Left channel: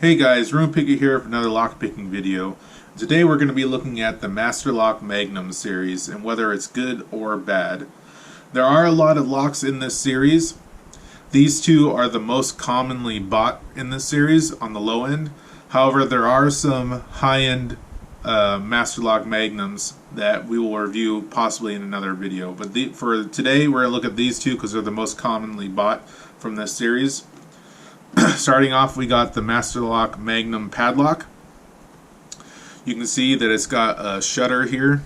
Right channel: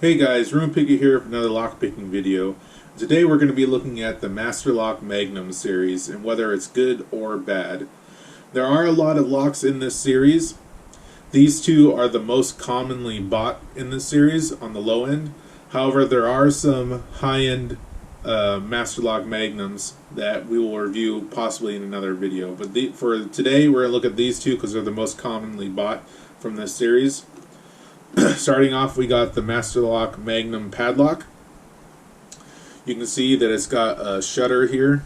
Hey guys, RoonPicker here for another lockpicking video. Today we're going to be looking at the Master Lock Magnum series and whether it's good or bad. There are a lot of locks in this series. These two are the most commonly bought in this series on the low end. However, there are some high-end Master Lock Magnums that we will review possibly in another video. But for today we're going to look at these two because they're the most commonly bought from this series. Starting off, we got the Master Lock Magnum padlock. You can see that it's got a shutter here,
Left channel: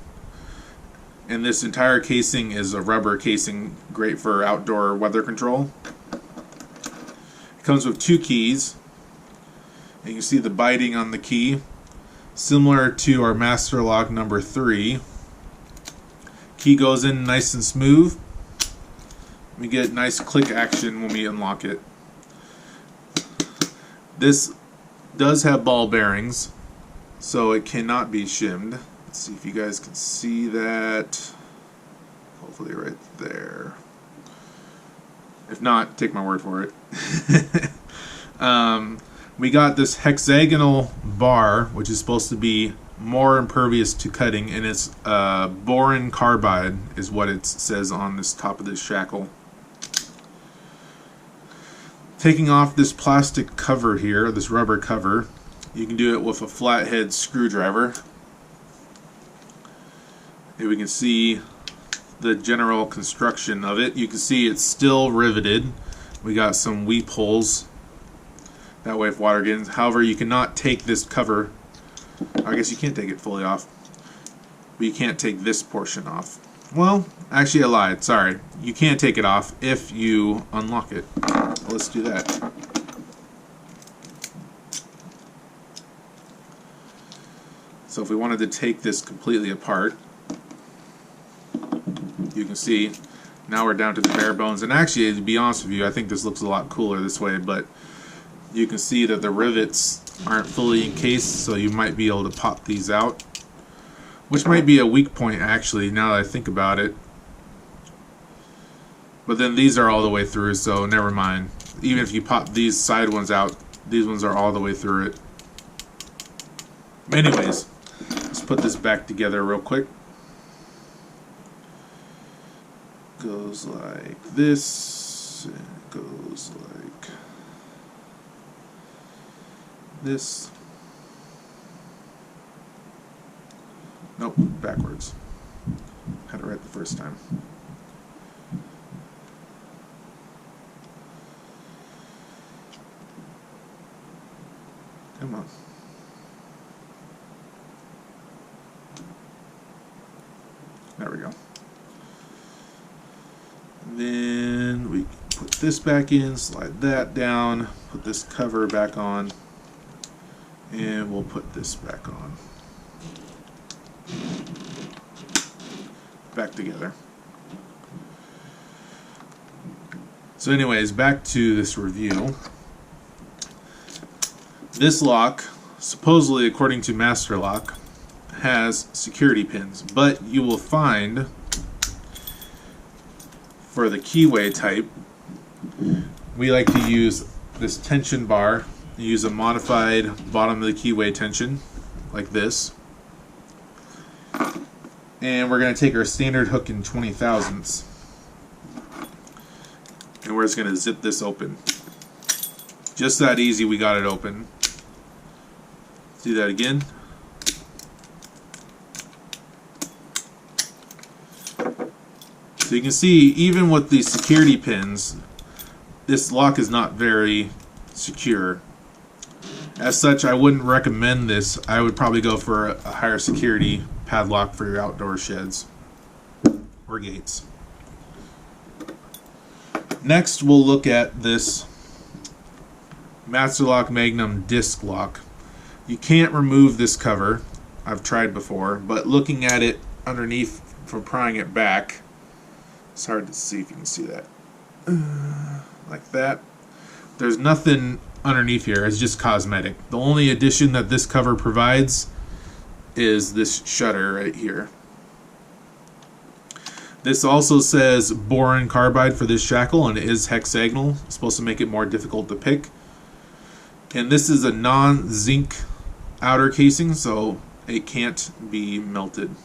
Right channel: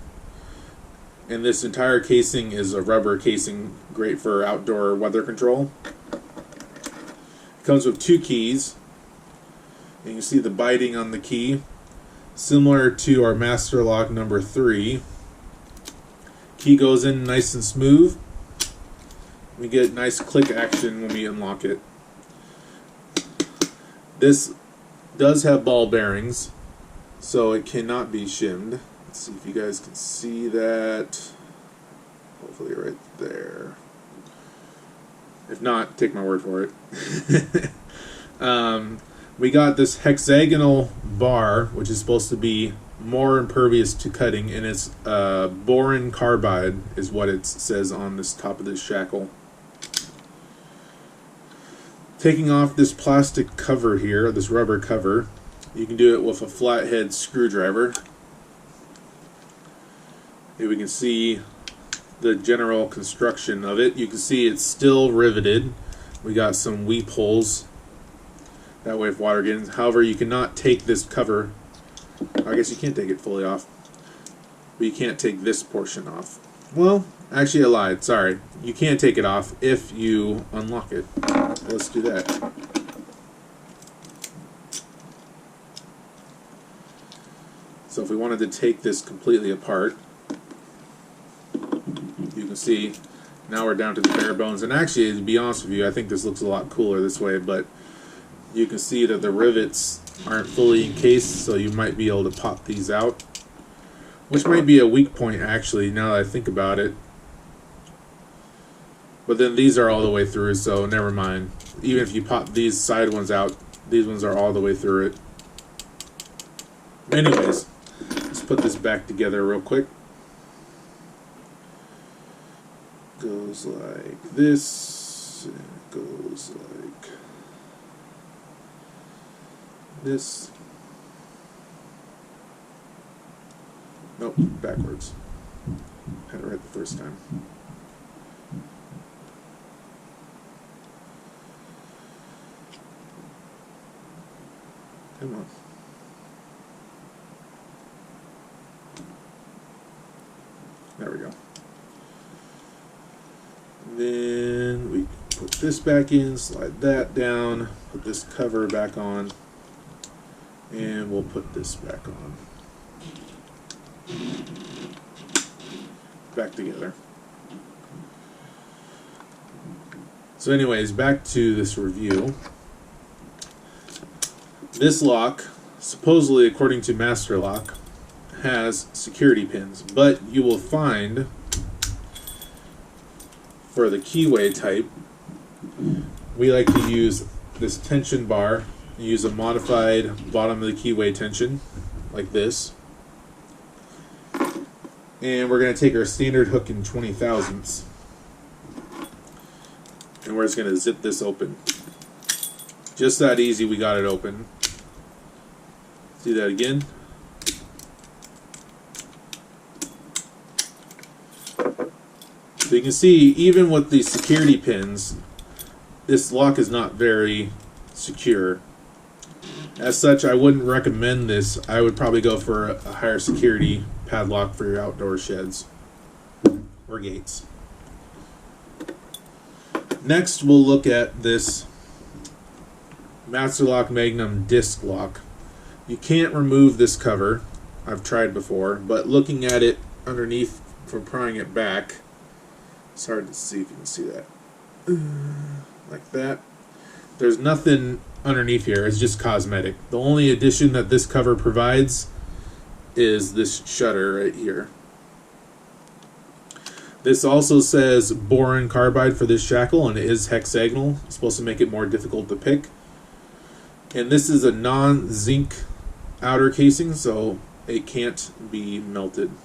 and this entire casing is a rubber casing, great for outdoor weather control. It comes with two keys, and you can see the biting on the key, similar to our Master Lock number 3. Key goes in nice and smooth. We get nice click action when we unlock it. This does have ball bearings, so it cannot be shimmed. Let's see if you guys can see that. Hopefully right there. If not, take my word for it. We got this hexagonal bar, which is supposed to be more impervious to cutting, and it's boron carbide is what it says on this top of this shackle. Taking off this plastic cover here, this rubber cover, you can do it with a flathead screwdriver. Here we can see the general construction of it. You can see it's still riveted. We got some weep holes that way if water gets in. However, you cannot take this cover. I guess you can't take it fully off, but you can't take this portion off. Well, actually I lied, sorry. You can't take it off if you unlock it. Let's do that. So if we wanted to take this completely apart, you can see now we're down to the bare bones. And actually, to be honest with you, I think this looks a lot cooler this way, but you can see that the rivets aren't fully encased, so you might be able to pop these out. Which might be a weak point, actually, now that I think about it. But then these are all the way through, so never mind. Even if you pop these side ones out, these ones are all the way through it. Anyways, let's put this back together real quick. Goes like this, and it goes like this. Nope, backwards. Had it right the first time. Come on. There we go. And then we put this back in, slide that down, put this cover back on, and we'll put this back on. Back together. So anyways, back to this review. This lock, supposedly according to Master Lock, has security pins, but you will find for the keyway type, we like to use this tension bar, use a modified bottom of the keyway tension like this. And we're going to take our standard hook in 20 thousandths, and we're just going to zip this open. Just that easy, we got it open. See that again? So you can see, even with the security pins, this lock is not very secure. As such, I wouldn't recommend this. I would probably go for a higher security padlock for your outdoor sheds or gates. Next, we'll look at this Master Lock Magnum disc lock. You can't remove this cover. I've tried before, but looking at it underneath from prying it back, it's hard to see if you can see that. Like that. There's nothing underneath here. It's just cosmetic. The only addition that this cover provides is this shutter right here. This also says boron carbide for this shackle, and it is hexagonal. It's supposed to make it more difficult to pick. And this is a non-zinc outer casing, so it can't be melted.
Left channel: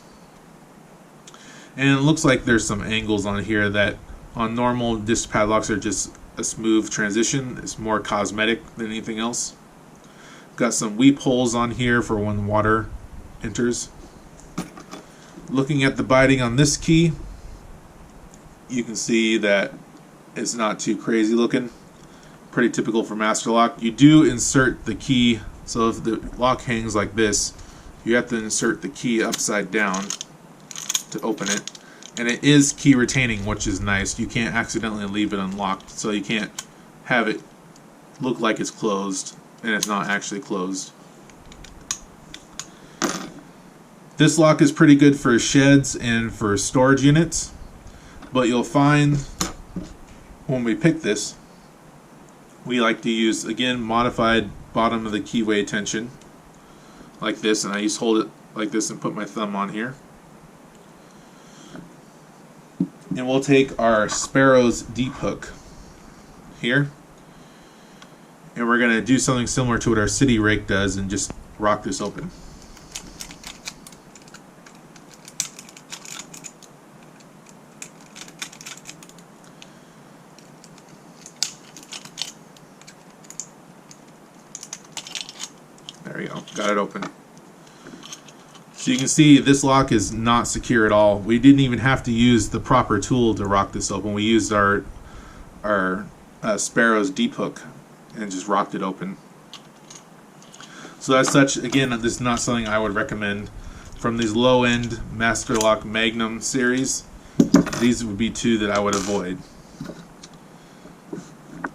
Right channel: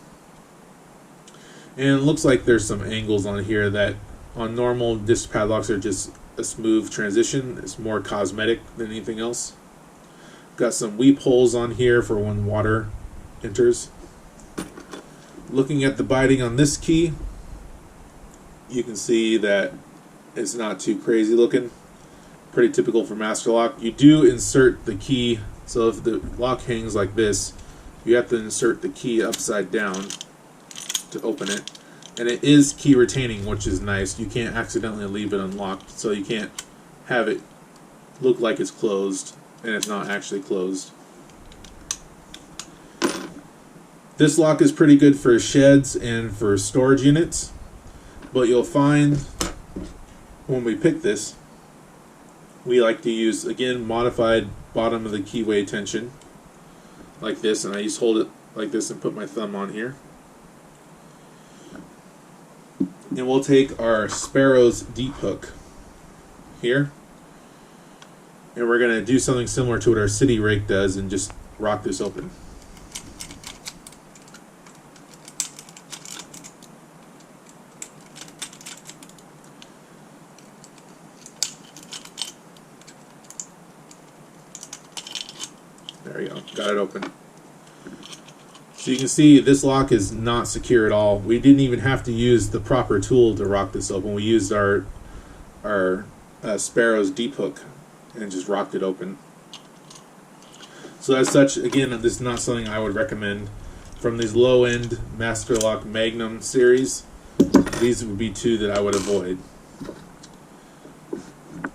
And it looks like there's some angles on here that on normal disc padlocks are just a smooth transition. It's more cosmetic than anything else. Got some weep holes on here for when water enters. Looking at the biding on this key, you can see that it's not too crazy looking. Pretty typical for Master Lock. You do insert the key, so if the lock hangs like this, you have to insert the key upside down to open it. And it is key retaining, which is nice. You can't accidentally leave it unlocked, so you can't have it look like it's closed and it's not actually closed. This lock is pretty good for sheds and for storage units, but you'll find when we pick this, we like to use, again, modified bottom of the keyway tension like this, and I just hold it like this and put my thumb on here. And we'll take our Sparrow's deep hook here, and we're going to do something similar to what our city rake does and just rock this open. There we go, got it open. So you can see this lock is not secure at all. We didn't even have to use the proper tool to rock this open. We used our Sparrow's deep hook and just rocked it open. So as such, again, this is not something I would recommend. From these low-end Master Lock Magnum series, these would be two that I would avoid.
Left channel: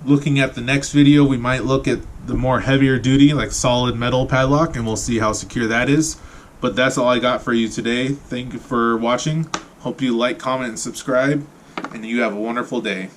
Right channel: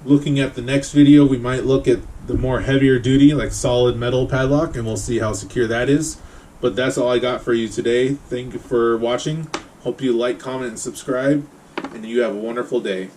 Looking at the next video, we might look at the more heavier duty, like solid metal padlock, and we'll see how secure that is. But that's all I got for you today. Thank you for watching. Hope you like, comment, and subscribe, and you have a wonderful day.